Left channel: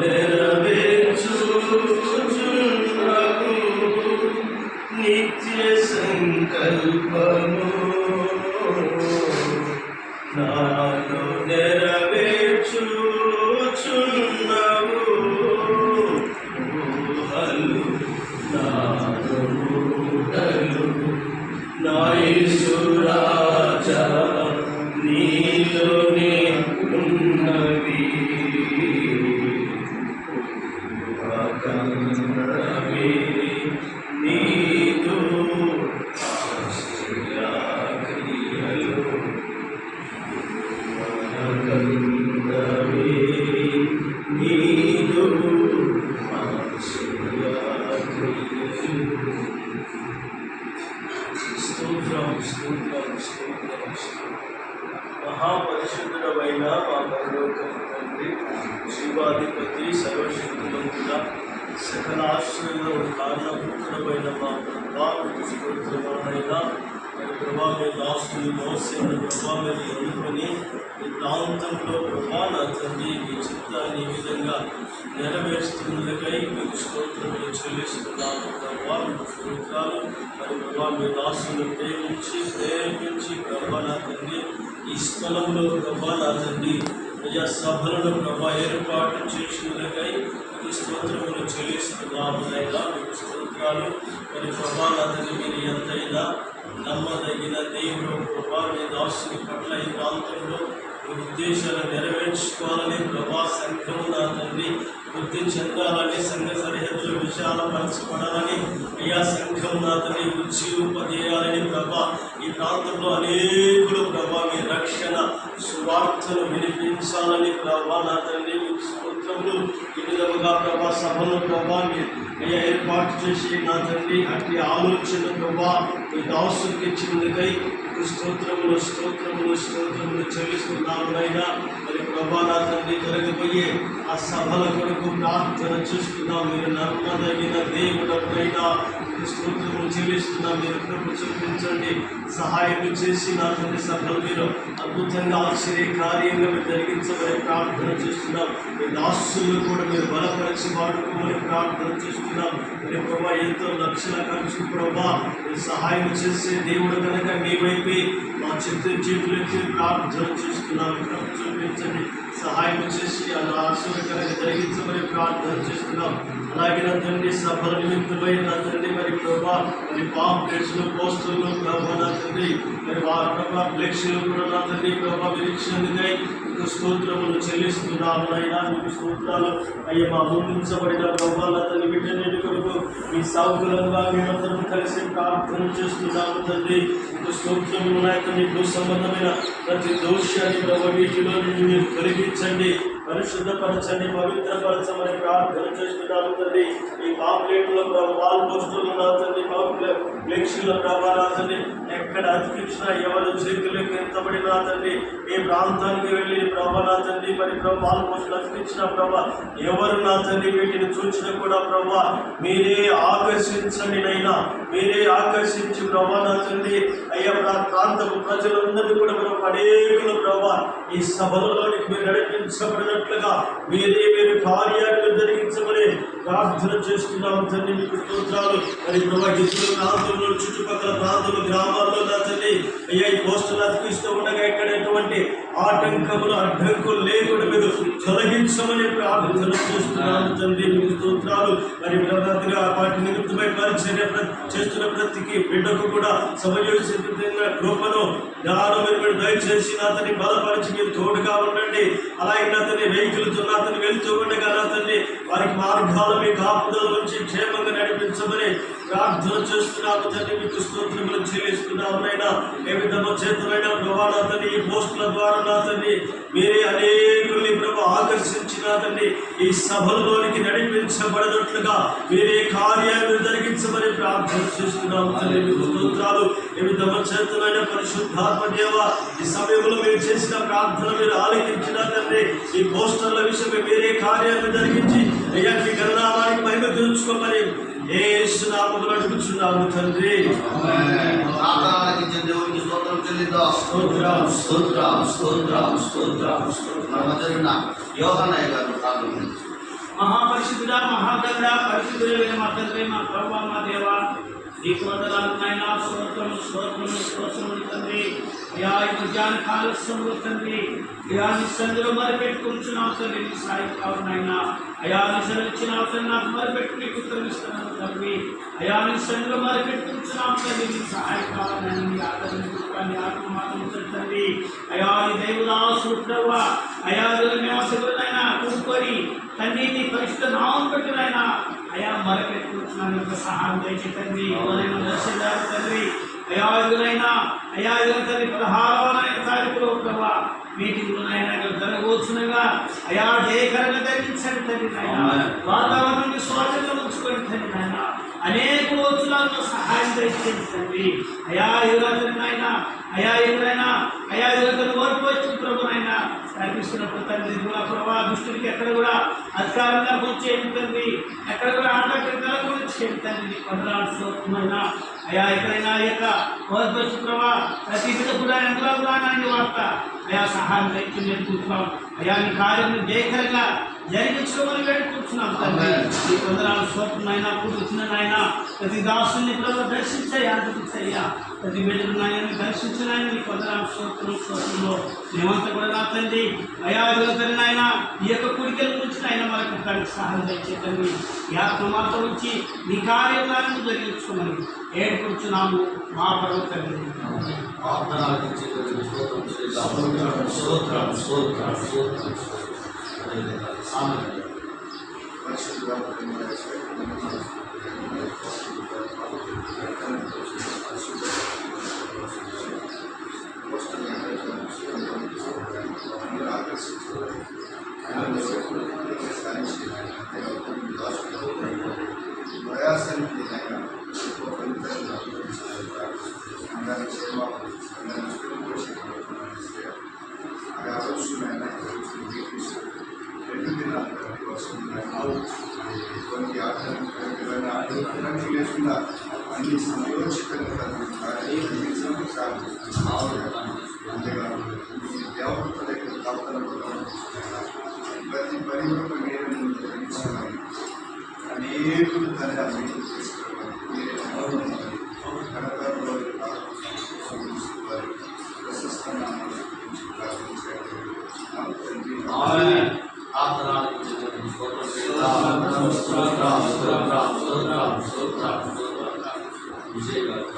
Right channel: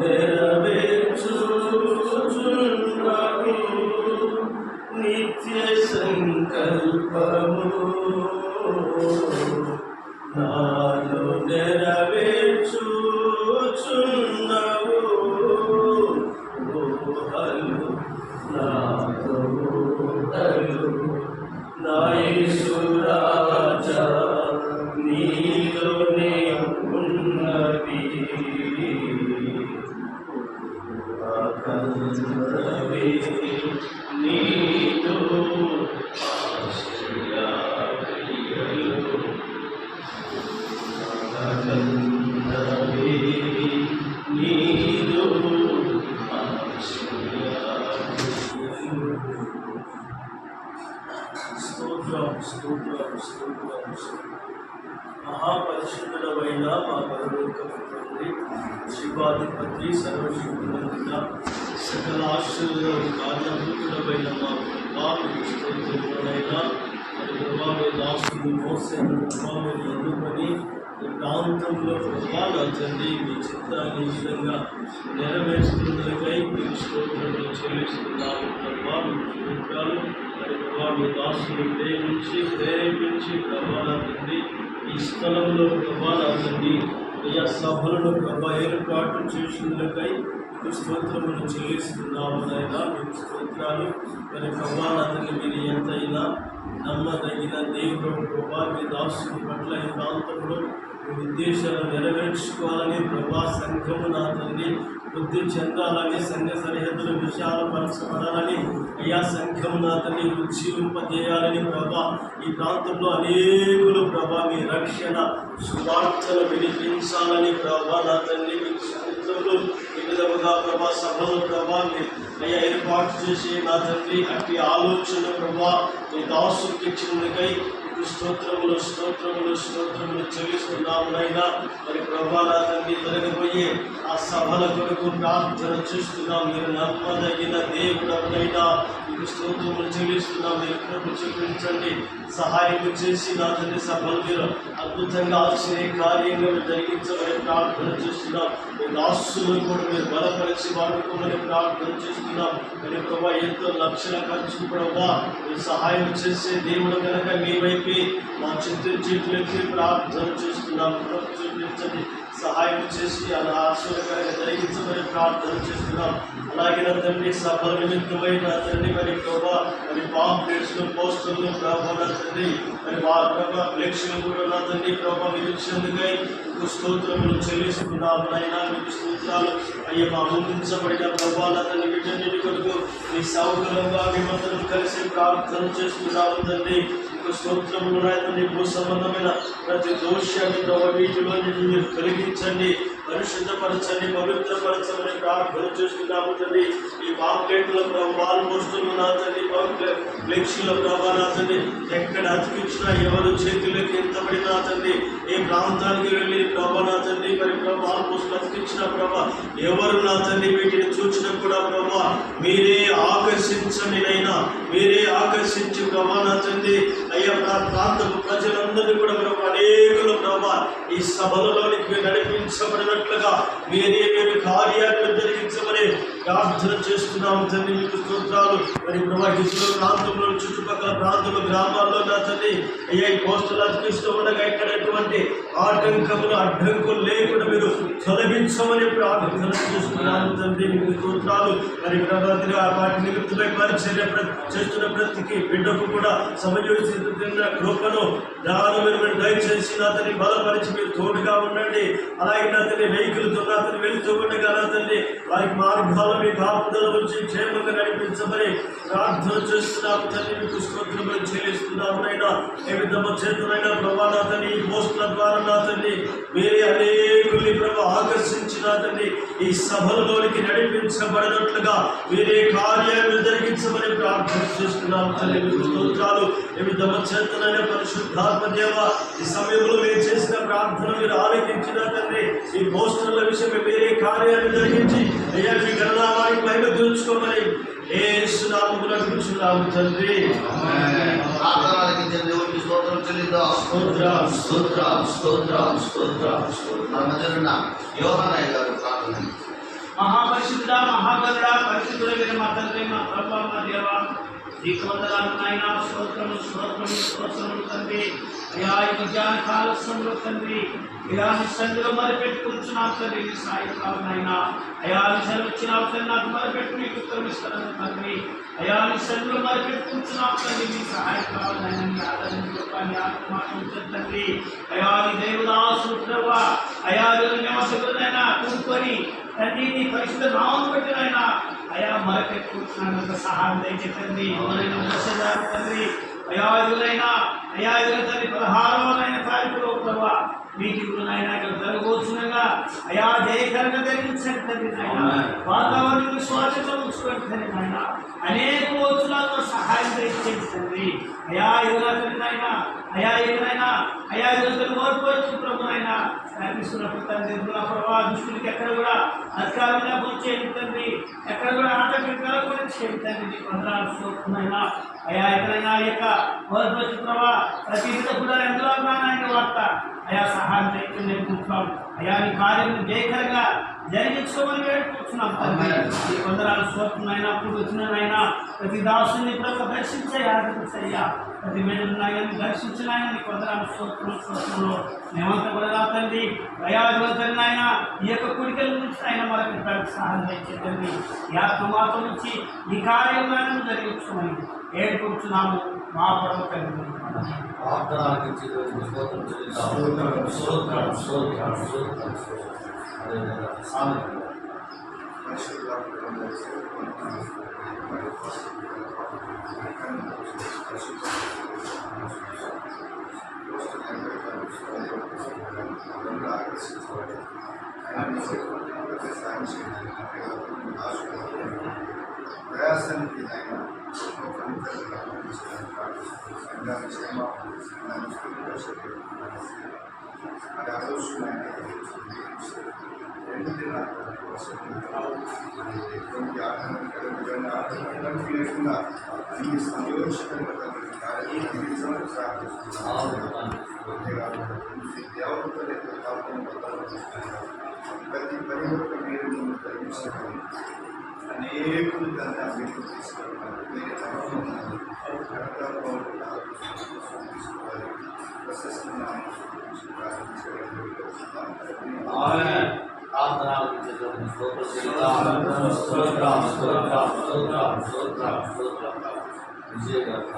నెరవేర్చుచున్నావు నిత్య సంకల్పము నాలో నెరవేర్చుచున్నావు ఊహలు నాలో ఊహలు నా యేసు రాజా నీలోనే ఉన్నవి కన్నవి నీతో ఆశ్రయక్రియలు కన్నవి నీతో ఆశ్రయక్రియలు. స్తోత్రం స్తోత్రం స్తోత్రం. మహాపరిశుద్ధుడమైన మా పరలోకపు తండ్రి, శివాధిపతి, సర్వశక్తిమంతుడ, సకల ఆశ్రయంలో కారణభూతుడమైన మా ప్రభా, మీకు స్తోత్రములనైనా. మరి ప్రభా, మీ దాసుని మోసిన ప్రభా మీరు ఎన్నుకొని ఈ ప్రాంతంలో ప్రభా నా తండ్రి మీ చిత్తాన్ని ఈ విధంగా నెరవేరుస్తున్నకై మీకు స్తోత్రములు చెల్లిస్తున్నాము ప్రభా. మీకు స్తోత్రాలు. మరి ప్రభా మీ దాసుని ప్రేమించి ప్రభా నా తండ్రి ఈ స్థలంలో ప్రభా నా తండ్రి అయ్యా సభలను ప్రభా ఏర్పాటు చేసినకై మీకు స్తోత్రములు చెల్లిస్తున్నాము నాయనా. మీకు స్తోత్రాలు. మరి ప్రభా నా తండ్రి మీరు ఎంతైనా నమ్మదగిన దేవుడు ప్రభా. మీ దాసుని పట్ల ఈ ప్రాంతంలో మీ ఉద్దేశాలను నెరవేర్చుకోవాలని ప్రభా సంఘము నా తండ్రి వృద్ధి చెందాలని, సంఘ సరిహద్దులు విశాలపరచబడాలని, అయ్యా సంఘం నా తండ్రి ఉజ్జీవింపజేయాలని ప్రభా ఈ ప్రాంతంలో అనేకులు ప్రభా మీ రక్షణ సువార్తను వినిపించాలని ప్రభా నా తండ్రి స్తోత్రములు. ఈ విధముగా ప్రభా సభను ప్రభా మీరు అయ్యా ఏర్పాటు చేసి నా తండ్రి అట్టి ఆలోచన ప్రభా మీ దాసుకి ఇచ్చినందుకై స్తోత్రములు స్తోత్రములు స్తోత్రములు చెల్లిస్తున్నాము నైనా. మరి ప్రభా నా తండ్రి జరగబోయే ఆ సభల కొరకు ప్రార్థన చేస్తున్నాం. మీరు నమ్మదగిన దేవుడైనా మీకు స్తోత్రములు చెల్లిస్తున్నాం. మీరు కృప చూపించండి, సహాయం చేసి నా తండ్రి సభలు మీరు అద్భుతంగా ఆశ్చర్యకార్యంగా మీరు జరిగించమని ప్రార్థన చేస్తున్నాం. మీ దాసులు కూడా మీరు బలపరిచి వాడుకోమని ప్రార్థన చేస్తున్నాం. మరి ప్రభా ఎంతో లక్షల ఖర్చు ప్రభా మీరు సహాయం చేసే దేవుడు కనుక మీ వైపే మా చేతులు ఎత్తి ప్రార్థన చేస్తున్నాం. కృప చూపించండి, సహాయం చేసి అలా ఆశ్చర్యకరంగా జరిగించమని ప్రార్థన చేస్తున్నాం. అలాగే నా తండ్రి సభల నిమిత్తమై నా తండ్రి మరి ప్రభా మరి పాంప్లెట్స్లు పోస్టర్లు ప్రభా నా తండ్రి మరి ప్రభా ఫ్లెక్స్లు కూడా నా తండ్రి ప్రభా మీరు ఇచ్చినందుకై మీకు స్తోత్రములు చెల్లిస్తున్నాము నాయనా. మీకు స్తోత్రాలు. అయ్యే మా ముందుంచబడిన ప్రభా నా తండ్రి వీటన్నిటి కొరకు మీ సౌకర్యంగా మేమందరం కలిసి ప్రార్థన చేస్తున్నాము తండ్రి. మీకు స్తోత్రములు నా తండ్రి. భూ సంబంధమైన ప్రతి దోషాన్ని ప్రభా వీటిలో నుండి మీరు తొలగించండి, పరిశుద్ధపరచండి, పవిత్రపరచమని ప్రార్థన చేస్తున్నాము తండ్రి. ఈ పాంప్లెట్ల వాల్ పోస్టులు నా తండ్రి ఫ్లెక్సీల ప్రభా నా తండ్రి ఎక్కడ అతికించినా ఎవరు చేతులకి ఎంతబడిన నా తండ్రి ఏ ప్రాంతానికి వెళ్ళి ప్రభా నా తండ్రి మరి వాల్ పోస్టులు అతికించిన ప్రభా ఎవరు నా తండ్రి వీటిని చూసినా కూడా ప్రభా మీరే ఆకర్షించండి నైనా. మీరే ఆకర్షించి ప్రభా నా తండ్రి అయ్యా ప్రాంతపు ప్రజలందరినీ కూడా ప్రభా అనేకులు ప్రభా ఈ సభలలోనికి మీరు నడిపించబడినట్లుగా మీరు కార్యాలను జరిగించమని ప్రార్థన చేస్తున్నాము తండ్రి. మీకు స్తోత్రాలు. మరి ప్రభా ఇతర ప్రాంతంలో చుట్టుపక్కల ప్రాంతంలో గ్రామాల్లో నా తండ్రి అయ్యా ఈ పోస్టులు అతికిస్తూ ఉండగా ఇక్కడ ఎటువంటి ఆటంకములు అడ్డంకులు లేకుండా మీరు తొలగించమని ప్రార్థన చేస్తున్నాము తండ్రి. మీకు స్తోత్రాలు. మరి ప్రభావిగా వాటి నిమిత్తమై పరిచర్య చేస్తున్న ప్రతికి బిడ్డకు కూడా సమయోచితంగా కృపను జ్ఞానమును మీరు దయచేసి నా తండ్రి బలపరిచి మీరు తోడుగా ఉండండి. అలాగే నా తండ్రి వెహికల్తో నా తండ్రి వెళ్తూ ఉండగా నా తండ్రి వారికి మార్గాలు మీ కాపుదల నుంచి క్షేమంగా నడిపించమని ప్రార్థన చేస్తున్నాము తండ్రి. మీకు స్తోత్రములు చెల్లిస్తున్నాము నైనా. ఏ విధంగా చేతులైనా ప్రభా నా తండ్రి ఈ పోస్టుల ద్వారా నా తండ్రి మీరే అనేకుల్ని ప్రభా ఆకర్షించి నా తండ్రి ఈ సభలలోనికి నడిపించబడినట్లుగా మీరే కార్యాలను జరిగించమని ప్రార్థన చేస్తున్నాము తండ్రి. మీకు స్తోత్రాలు. ఏ విధంగా చేతులైన పరిశుద్ధాత్మ దేవ ఈ సమయంలో మీరు చేసిన ప్రార్థన మీరు ఆలకించిన తండ్రి ఈ పోస్టర్ల విషయమే మీరే కార్యాలను జరిగించి అయ్యా మీ గణనామాన్ని మహిమ తీర్చుకోమని యేసునామములో అడుగుచున్నాము తండ్రి. మన మధ్య ఉన్న యోహానయ్య గారు ప్రార్థన మహాపరిశుద్ధుడా, మహాగణుడా, పరిశుద్ధుడైన మా తండ్రి, మా ప్రభువా, మా దేవా, నీకు వందనాలు నాయనా. స్తోత్రములు స్తోత్రములు స్తోత్రములు తండ్రి. అయా ఈ మధ్యాహ్న కాల సమయంలో తండ్రి, అయా నీ సందులో మరిపెట్టుకుంటున్నాం తండ్రి. నీ సాయి కావునైనా అయా నీ సెలవిచ్చినావు తండ్రి, నాకు మరిపెట్టు నీకు ఉత్తరం ఇస్తాను తండ్రి. అయా నీ సందులో మరిపెట్టుకుంటున్నాం తండ్రి. నీ సహాయం కావాలని నీ ఆదరించుకోవాలి ఆత్మానం తండ్రి. అయా నీ దేవుదాసులు ప్రభు అయా నివాసకులనైనా కూడుకొని తండ్రి నీ పరిశుద్ధ నామం పెట్టినైనా అయా మరకెట్టుకుంటున్నాను సహాయం దయచేతండి. వచ్చేదారు తండ్రి. అయా ఎదురైనా అయా ఎదురు తండ్రి 16వ తారీఖులో ప్రభా మీటింగ్లోనైనా జరగవచ్చునగా అయా జయకరంగా ధరించండి తండ్రి నాయన. వాతావరణం విశ్వాసంగా ఉంచుకోండి తండ్రి నాయన. అనేక వచ్చులతో సహాయం దయచేయండి తండ్రి. అయా ఎదురైనా నాయన అయా ఎదురైనా అయా ఎదురు ఓడిపోవచ్చు ప్రభునైనా కనిపిస్తున్నప్పుడు తండ్రి ప్రభావ దుష్టుడికి ఎక్కడ కూడా అధికారంగా చేయండి తండ్రి. ఎక్కడ కూడా ఆటంకం కూడా చేయండి తండ్రి. నీ వందనాలు స్తోత్రమైన అయా ఎక్కడైనా ఆ యొక్క ఓడిపోవచ్చు ప్రభా ప్రతి కూడా ఎంతలో ఆయన వార్త అయా సహాయం దయచేయండి కూర్చున్నాం. అయా నీ కార్యం జయకరంగా జరిగించుకోమని వేడుకుంటున్నాం తండ్రి. నీ వందనాలు స్తోత్రమైనా ఇప్పుడు వచ్చిన నాయన ప్రతి దాసుని ప్రభు దర్శించయ్యా ఆదరించయ్యా. ప్రతి బిడ్డలు నాయన్ని దర్శించినాయన నీ వందనాలు స్తోత్రంలో మేమంతా కూడా నా తండ్రి అయా తండ్రి నాయన ఈ యొక్క కుడికల గురించి ఆయన మనకు దానికి సహాయం దయచేతండి. ఈ ఆత్మ మాతో నుంచి నీ కార్యాలను జరిగించుకోమని ఏడుకుంటున్నాము మా ప్రభు తండ్రి. ప్రయాసానికి కొన్ని ఆటలు లేకుండా అన్ని సంయోచితంగా అంతేకాదు దేవతల యొక్క ప్రార్థన ప్రతి పని కూడా మీరు ముందు జరిగించమని అనేకులు దాన్ని అభివృద్ధి తీసుకోవాలి. మీరే విజయ్ గారు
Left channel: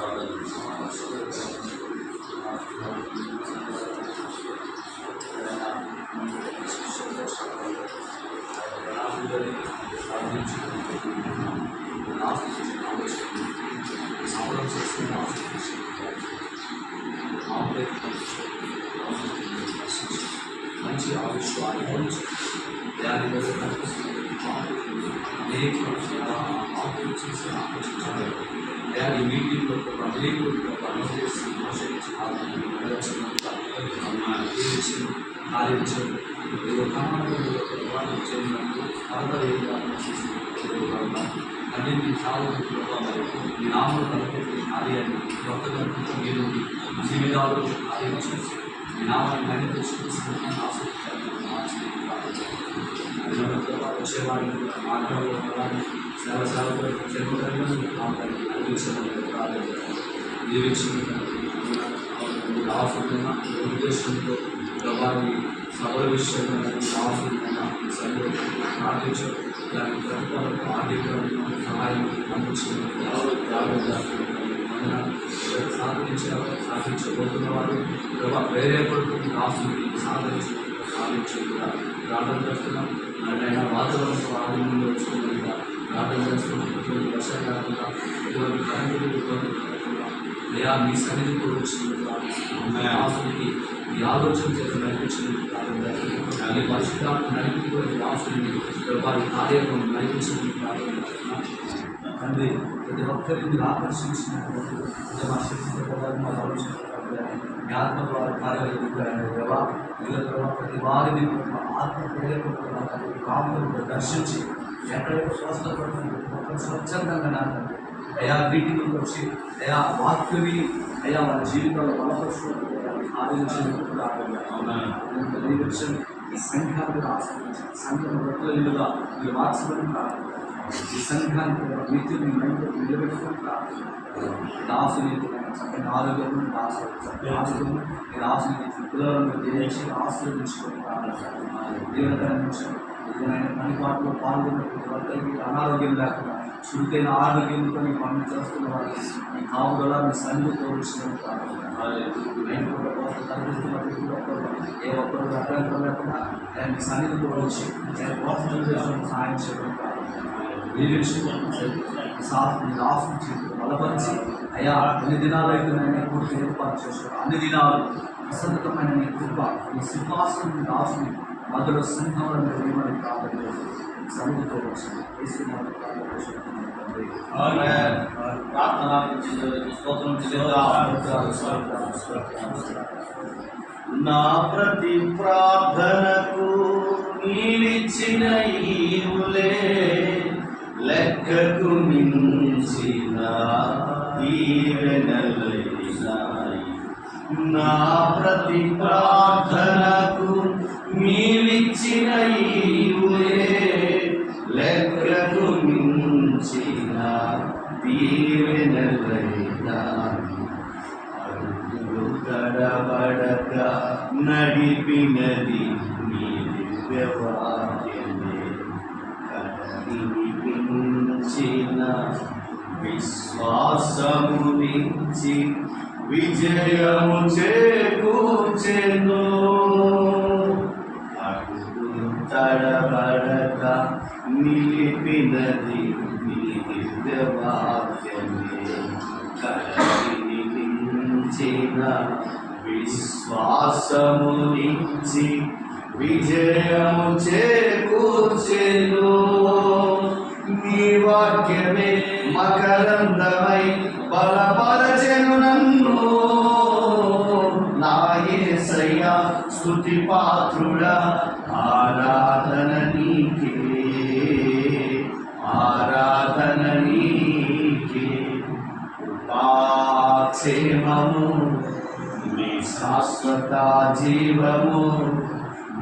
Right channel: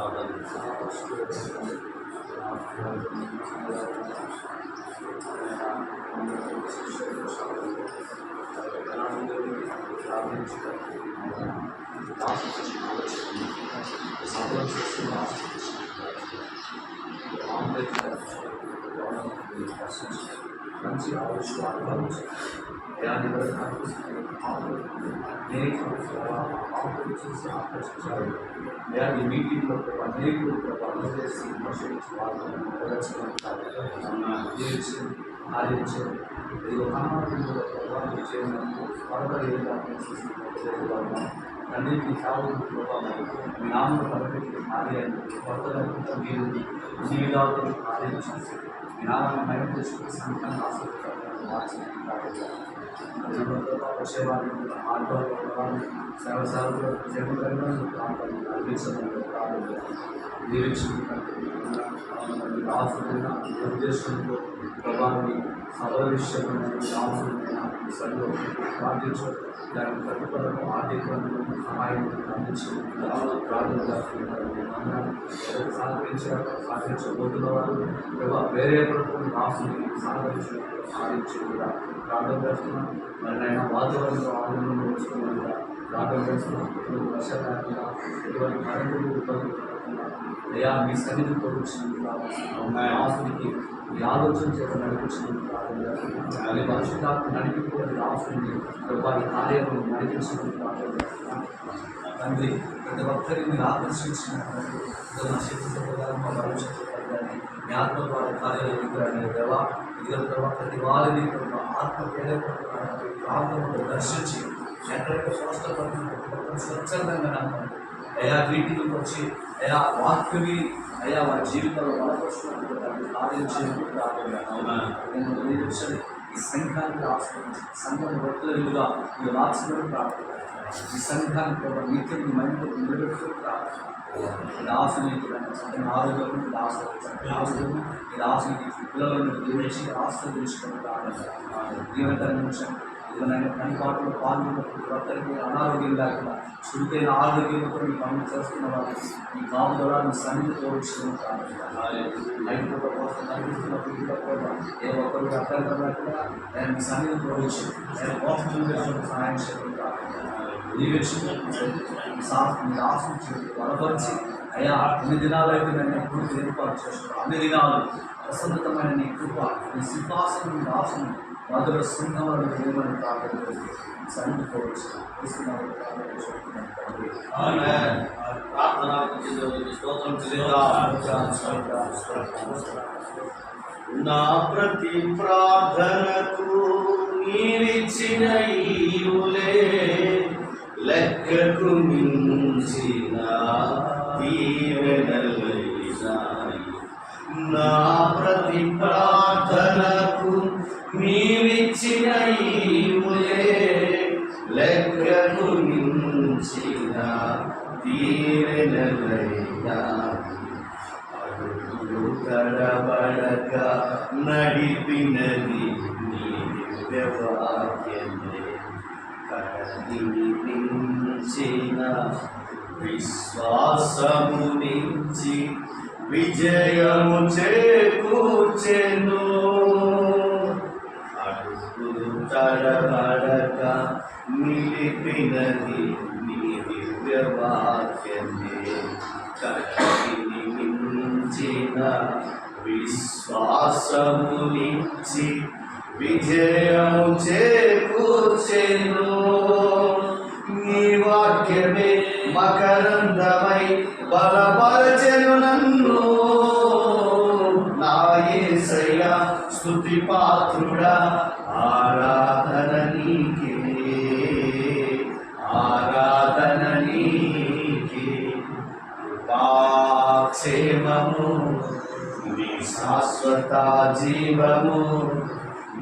సాధన చేస్తున్న మంచి ఆవిష్యం అనుభవించి దాని వల్ల కనిపిస్తుంది అనేక ఆకులు చేసి ఆకర్షించాలి. ఈ మీటింగ్లో అనేకులు చేసి మోసరించి వాళ్ళని ప్రదర్శించి ఆలోచించారు. ఏదో కామాలు ప్రభావం చేయడానికి పరదరేగా అన్నింటి సాగులో మీ నామను తలపెట్టి కార్యాన్ని కొత్తగా మీరు అన్ని విధాలు కార్యం చేసి మీ నామాన్ని మైనపరిచి సంఘాన్ని ఆసక్తి మార్చి వచ్చేవారిని మార్గంలో సేవ సేవలు చేపట్టగా ప్రాంతాన్ని అందించడం రాసుకున్న ఉద్దేశంతో ప్రభావి సభ విషయంలో రాసుకున్న సభలో ప్రార్థించు దాని ప్రతిఫలం ఆర్థికంగా సహాయం అందించిన సాధించబోతున్న వారు ప్రభావ ప్రేరేపడుతున్న రాసుని సాధించేలా ప్రార్థన చేస్తున్నాం. మరి ఆయన వాతావరణంలో ఆధునంలో వస్తున్నట్టుగా ప్రార్థన చేస్తున్నాం. ఇటువంటి వర్షాకాలంగా ఇటువంటి కరెంటు ఇబ్బంది అయ్యా మీ సన్నిధితో వచ్చిన రాసునికి ఈ ఆలోచన చేత నడిపించినందుకు ప్రార్థన చేస్తున్నాం. ఈ పరిశుద్ధాత్మ నడిపిపోయిన రాసుని వారి కార్యాలను నడిపించినందుకు ప్రార్థన చేస్తున్నాం. తండ్రి ప్రతి ఒక్కరిని మీరు ఆకర్షించినటువంటి మా శక్తితో మా ఆలోచన మీ ఆత్మ ద్వారా కార్యాలయం దేవా ఇళ్ళ ప్రతి వారిని ఆత్మ ప్రేరేపడుతున్నారు ప్రాంతంలో దర్శించి ఎక్కడైతే స్వస్థపడుతున్న స్వచ్ఛందంగా నాకు అయా వీటికి వచ్చి అయా వాక్యవి అయా వారి జీవితంలో బలపరుచుకుంటున్నారు కార్యం చేయడం ఈ సంఘానికి ఆశ్రయించి సంఘం రొట్టెల విలుగా మీరు మార్చబడి ప్రార్థన ఈ సంఘానికి నిత్యం మీ మైండ్తో నిలబెట్టుకొని ప్రార్థన చక్కని ఆరోగ్యము ఆశీర్వము ఈ రాసుని పిల్లలను దేశి ఆశీర్వదించుకొని ప్రార్థన దేవుని నిమిషం ఇదిగోనైనా పనిపాటులో పాల్గొన్నప్పుడు ఒక్కరికి అనారోగ్యం లేకుండా చురుకైన ఆరోగ్యంతో మీ పనులు చేస్తున్న వారికి మీ కాపుదల మీ సన్నిధి తోడుచుకొని ప్రార్థన నైట్ పూట కోసం కనిపిస్తున్నప్పుడు కూడా ఏ ఒక్కరు అభ్యంతరం లేకుండా ఆయన మీ సన్నిధి తోడొచ్చి నేను కోసం చేసిన సహాయం చేయడం ప్రార్థన మీ రాసు బలపరిచి అయ్యా ఎన్ని దినాలు అయితే నేను పూర్తి ఏర్పాటు చేస్తాను అన్ని దినాలు ప్రసన్నతమైన నీ కృప నీ సింహాసనం మీ రాసుని మధుర సింహాలను ఏమని ప్రార్థన చేసి సన్నిధికోవచ్చు నా ప్రతి ప్రార్థనకు నీవిచ్చిన ఈవులే లెక్కకు మించిన దీవెనలైనాయి. నా ప్రతి ప్రార్థనకు నీవిచ్చిన ఈవులే లెక్కకు మించిన దీవెనలైనాయి. అడుగులు తడబడక నడిపినది నీ దివ్యవాక్యమే. కడలిని మించిన విశ్వాసమునిచ్చి విజయము చేకూర్చెను. అడుగులు తడబడక నిలిపినది నీ దివ్యవాక్యమే. కడలిని మించిన విశ్వాసమునిచ్చి విజయము చేకూర్చెను. నీ వాక్యమే మకరందమై బలపరచెను నన్ను. నా యేసయ్యా స్తుతి పాత్రుడా ఆరాధన నీకే, ఆరాధన నీకే. కృపాక్షేమము నీ శాశ్వత జీవము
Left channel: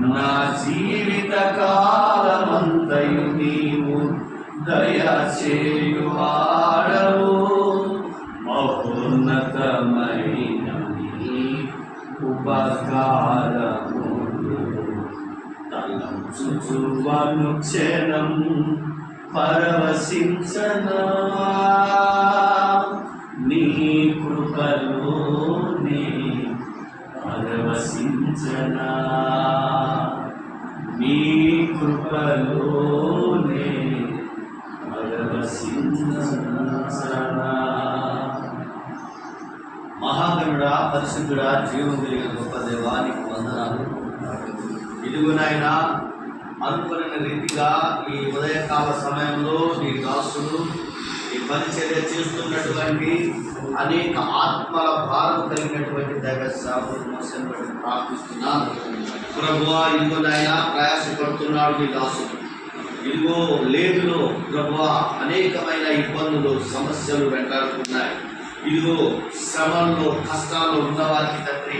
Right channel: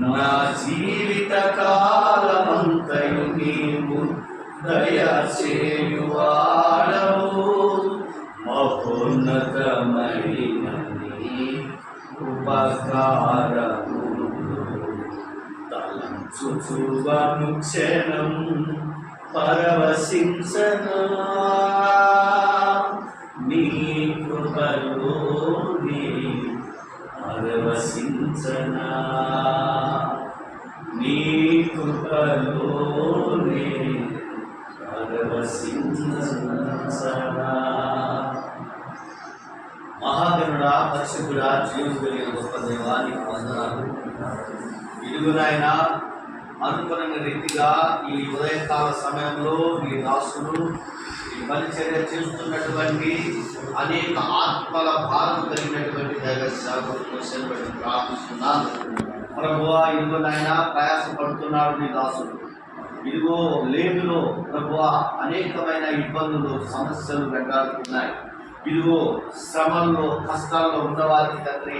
నా జీవిత కాలమంతయు నీవు దయచేయువాడవు. మహోన్నతమైన నీ ఉపకారములు తలంచుచువను క్షణం పరవశించనా. నీ కృపలోనే పరవశించనా. నీ కృపలోనే మహాగణుడా, పరిశుద్ధుడా, జీవం కలిగిన గొప్ప దేవానికి వందనాలు. ఇదిగో నాయన, అనుకున్న రీతిగా ఈ ఉదయకాల సమయంలో నీ దాసులు ఈ పరిచర్య చేస్తున్నటువంటి అనేక ఆత్మల భారం కలిగినటువంటి దైవ సేవకులను ప్రార్థిస్తున్నాను. ప్రభువా, ఇదిగో నాయన ప్రయాసపడుతున్నాడు నీ దాసుడు. ఇదిగో లేదులో ప్రభువా అనేకమైన ఇబ్బందులు సమస్యలు వెంటాడుతున్నాయి. ఇదిగో శ్రమల్లో కష్టాల్లో ఉన్నవారికి తండ్రి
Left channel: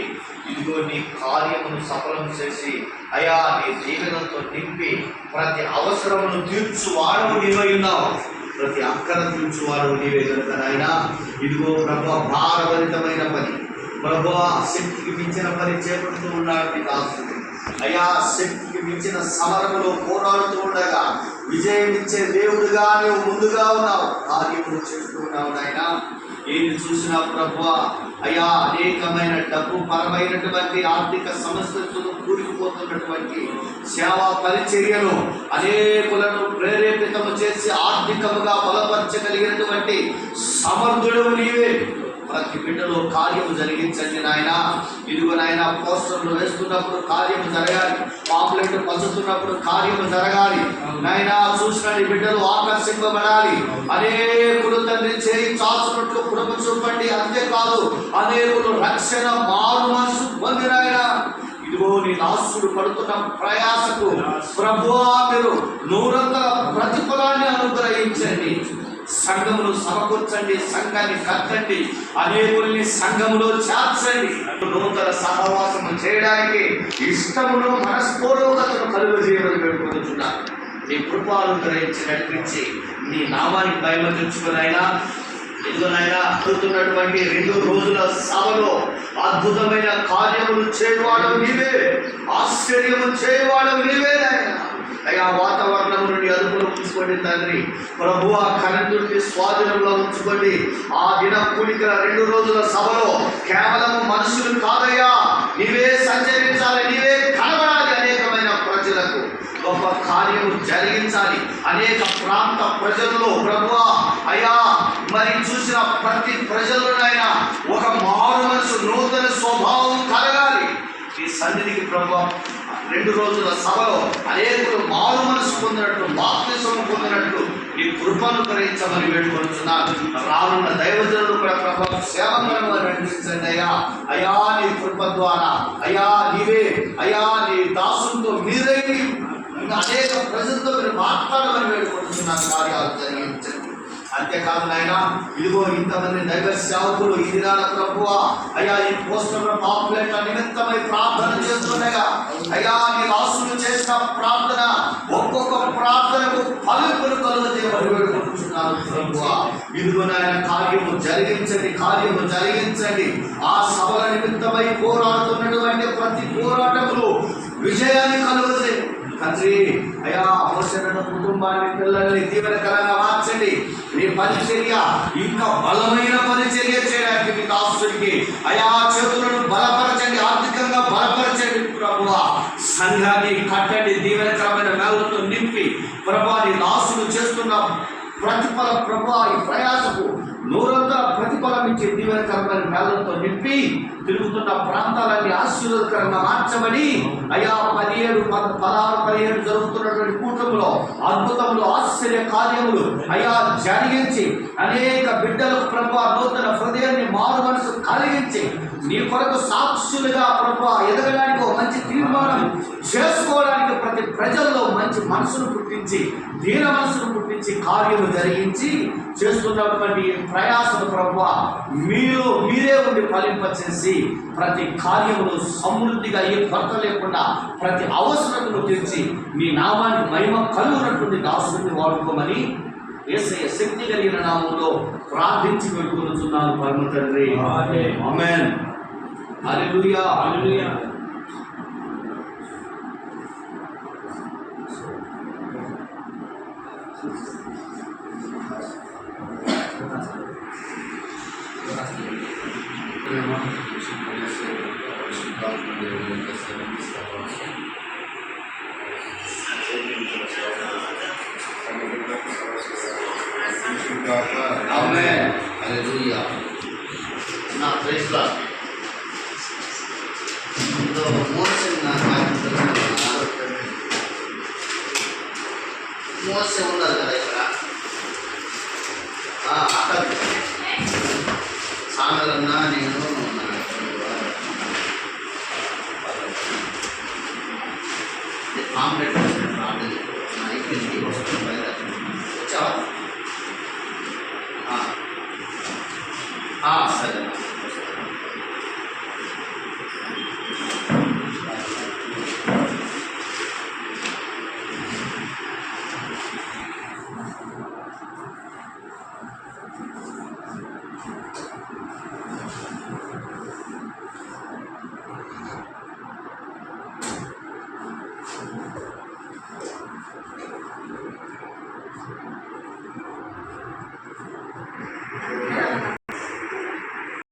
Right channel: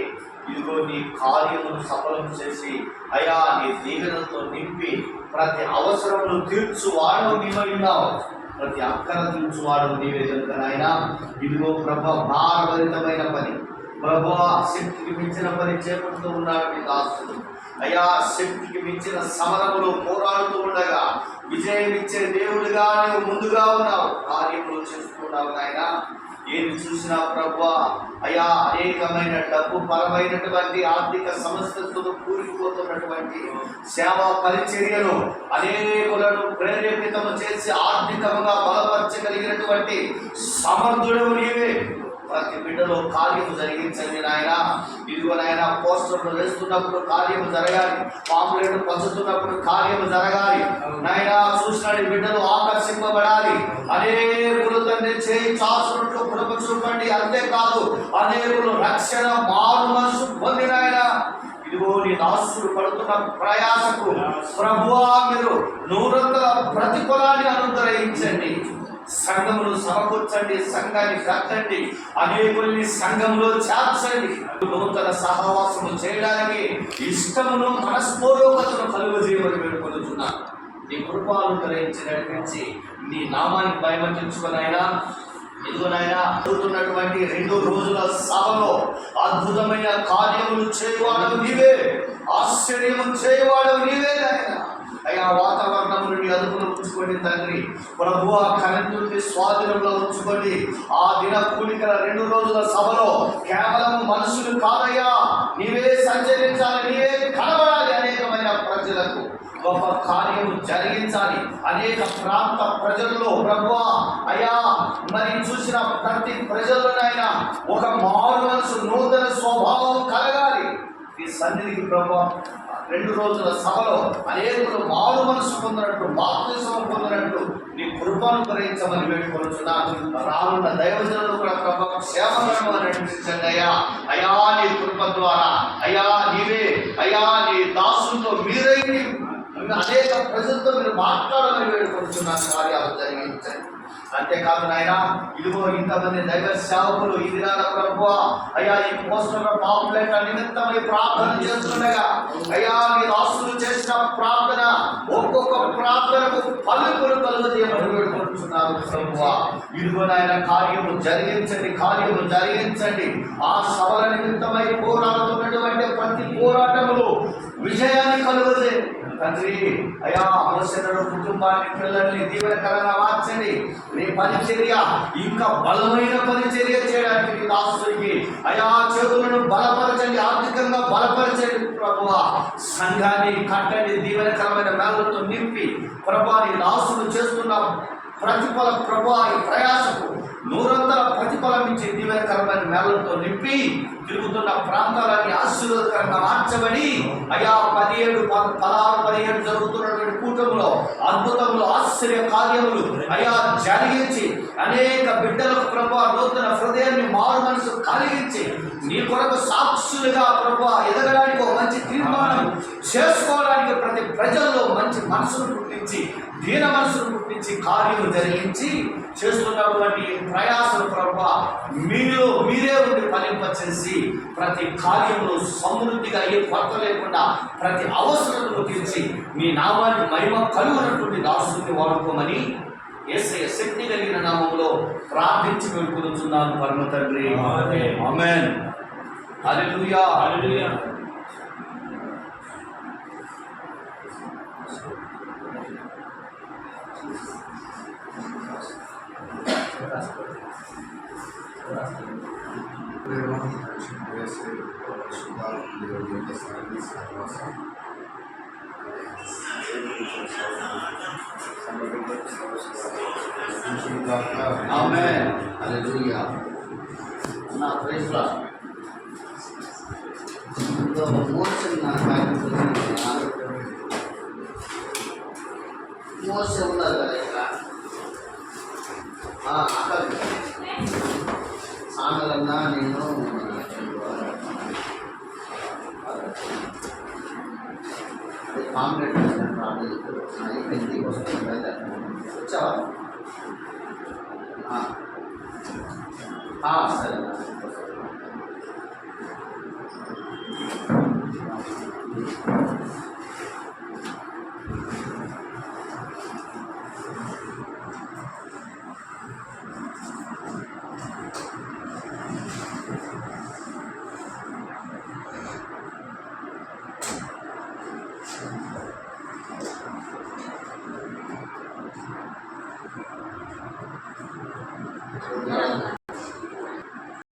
ఇదిగో నీ కార్యమును సఫలం చేసి అయా నీ దీవెనతో నింపి ప్రతి అవసరమును తీర్చువాడు నీవై ఉన్నావు. ప్రతి అక్కర తీర్చువాడు నీవే కనుక నాయన ఇదిగో ప్రభువా భారభరితమైన పని ప్రభువా శక్తికి మించిన పని చేపడుతూ ఉన్నాడు నీ దాసుడు. అయా శక్తికి మించిన సమరములో పోరాడుతూ ఉండగా విజయం ఇచ్చే దేవుడుగా నువ్వు ముందుగా ఉన్నావు, కార్యములు చేస్తూ ఉన్నావు నాయన. ఏది చూసినా ప్రభువా అయా అనేకమైన డబ్బు పరమైనటువంటి ఆర్థిక సమస్యలతో కూలిపోతున్నటువంటి సేవా పరిచర్యలు అనేకులను ప్రేరేపితము చేసి ఆర్థికముగా బలపరచగలిగినటువంటి సమర్థుడు నీవే. ప్రతి బిడ్డలో కార్యము జరిగించండి నాయన. ఇదిగో నాయన, పోస్టర్లు వేస్తున్నప్పుడు కార్యము జరగాలి, పాంప్లెట్లు పంచుతున్నప్పుడు కార్యము జరగాలి నాయన. చూసిన బిడ్డలు ఆకర్షింపబడాలి. అనేకులు తండ్రి చేయి చాచున్నట్లు కుటుంబ చూపండి. అంతేకాదు అనేకులు రక్షణ మారు మనసు పొంది నాయన ఇదిగో నీ దాసుడు పడుతున్న ప్రయాసకు ప్రభువా మీరు 100 ప్రతిఫలాన్ని అనుగ్రహించండి. సంఘమును సమకూర్చండి, సంఘాన్ని కట్టండి, అనేకుల్ని సంఘములో చేర్చండి. నూతన సహవాసము చేయడానికి ఇష్టమును మనస్పూర్వకతను కలుగజేయమని వేడుకొనుచున్నాను. నీ కృపను గ్రహించి నడిపించి నీ నామానికి భయమతించుకునైనా ఇదిగోనైనా జరుగుతున్నటువంటి 2 రోజుల సభలో అద్భుతమైన కార్యములు చేయవాడవు నీవే, ఆశ్చర్యము చేయవాడవు నీవే నాయనా. అయ్యా వాతావరణం నుండి అదుపులో ఉంచుకోండి తండ్రి. ప్రభువా కరెంటు నుండి స్వాధీనంలో ఉంచుకోండి. ఆ దిన కూడికల 2 రోజుల సభలో కేవలం మనుషులు కాదయ్యా, నీవే సంచరించాలి, నీవే కనబడాలి. అనేకమైన ప్రజలకు గొప్ప కార్యము జరిగించాలి. అనేక ప్రాంత ప్రజల్లో ప్రభువా అయ్యా మరి చూసిన ప్రతి ప్రజల్లోనైనా ఒక మారు మనసు, నూతన స్వభావం కలగాలి. ఈ సన్నిధికి ప్రభువా 2 రోజుల సభలో అనేకులు మారు మనసు పొందినట్లు, బాప్తిస్మం పొందినట్లు ఈ కృపను గ్రహించమని వేడుకొనుచున్నాను. రానున్న దైవజనులు కూడా ప్రభు సేవకులను నడిపించండి అయ్యా. అయ్యా నీ కృప ద్వారా అయ్యా నీవే అయ్యా నీ దాసులతో మీరై అనేక ప్రజలతో మీరు మాట్లాడమని వేడుకొనుచున్నాను. కార్యాలు జరిగించండి. అంతేకాదు నాయన ఇదిగో ఇంతమంది దైవ సేవకులు ఈ దినాల ప్రభువా అయ్యా ఈ పోస్టర్ పాపులైన నిమిత్తమై ప్రార్థన చేస్తున్నాయా అయ్యా నీ రాసులు చేసిన ప్రార్థన ఒక్కొక్క ప్రార్థనకు ఫలింపులు కలుగజేయమని వేడుకుంటున్నాను ప్రభువా. ఇదిగో నాయన కార్యము జరిగించండి, కార్యము జరిగించండి. ఆ సభల నిమిత్తమై పోరాడుతున్నటువంటి ప్రతి పోరాటములు విజయాన్ని కలుగజేయండి తండ్రి. అయ్యా అవసరమైన కుటుంబాన్ని, పిల్లల్ని దీవెనకరంగా మార్చండి. నీ పరిచర్య ఇంకా బలమైన పరిచర్య చేయడానికి మీ దాసుడికి అయా చేతులను బలపరచండి, ఆర్థికంగా బలపరచండి ప్రభువా. సంఘాన్ని కట్టండి, దీవెనకరమైన మేళతో నింపి ప్రభువా నీ దాసుడు చేస్తున్న ప్రతిఫలం ప్రభువా ఈ ప్రయాసకు 100 ప్రతిఫలం ఇచ్చి దీవెనకరమైన మేళతో నింపి తిరుగుతున్న ప్రాంతాలన్నీ ఆశీర్వాదకరంగా మార్చమని అయ్యా 17 జరుగుతున్నటువంటి కూటములో అద్భుతములు, ఆశ్చర్య కార్యములు అయ్యా జరిగించి అనేక బిడ్డలకు ప్రభువా నూతన హృదయాన్ని, మారు మనసు కలిగించి నీ కొరకు సాక్షులుగా ప్రభువా ఎదగడానికి ఒక మంచి తీర్మానం చేసుకోవడానికి ప్రతి ప్రజల్లో మంచి మనసును పుట్టించి, దీన మనసును పుట్టించి కార్యము జరిగించి చేస్తున్నటువంటి ప్రయాసను ప్రభువా మీరే ఉండి ఫలింపచేసి ప్రతి కార్యములో సమృద్ధిగా ఏ కొరత లేకుండా ప్రతి అవసరతను తీర్చి మీ నామానికి మహిమ కలుగునటువంటి దాసుని వాడుకోమని యేసయ్య శక్తి కలిగిన నామంలో ప్రార్థించి వేడుకొనుచున్నాను పరమ తండ్రి. ఆమేన్. హల్లెలూయా, హల్లెలూయా. ఆమేన్. హల్లెలూయా. నా ప్రైజ్ లార్డ్. మోసే ఉన్నారు కదా ఇక్కడ అక్కడ సామెలన్నా నేను పాంప్లెట్ అయిపోయింది వస్తుంది వచ్చావా సరే.